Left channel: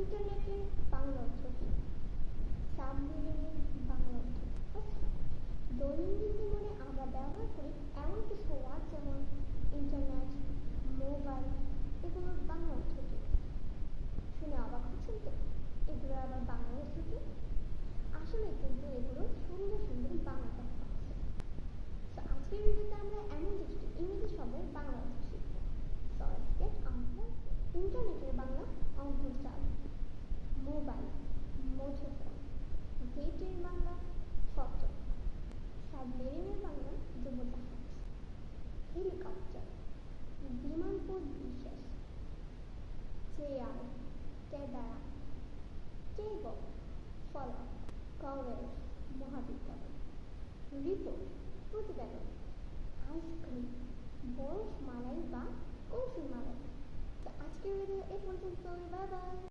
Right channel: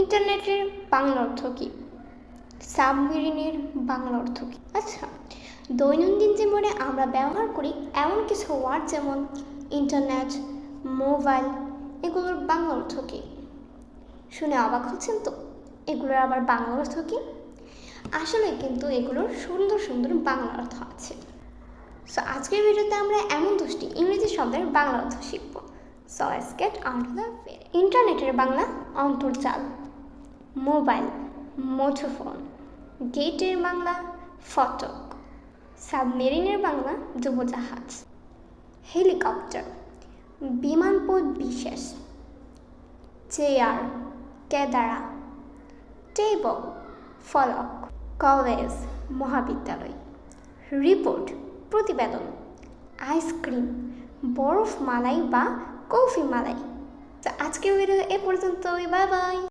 ইন্টারনেটের বাংলা অর্থ কী? সাবমেরিনের বাংলা অর্থ কী? আচ্ছা, দৈনন্দিন জীবনে আমরা ব্যবহার করি এমন কিছু ওয়ার্ড যেমন ইন্টারনেট, মোবাইল, এগুলোর বাংলা অর্থ কী? শুনে অবাক হচ্ছেন তো? এগুলোর আবার বাংলা অর্থ কী? আসলে কিন্তু এগুলোর সুন্দর সুন্দর বাংলা অর্থ আছে। সো আজকের ভিডিওতে আমরা এমন 10টি ইংরেজি শব্দের বাংলা অর্থ শিখব। So let's get on to the video. ইন্টারনেটের বাংলা অন্তর্জাল, মোবাইল মুঠোফোন, গেটের বাংলা ফটক, সাবমেরিনের বাংলা ডুবোজাহাজ, হেলিকপ্টার বিমানপথ বিশেষ, চেয়ার কেদারা, টেবল ফলক, কলেজ মহাবিদ্যালয়, রিপোর্ট প্রতিবেদন, আইসক্রিম বরফ মালাই বা কফি মালাই। তো আজকের ভিডিও এ পর্যন্তই, বাই বাই।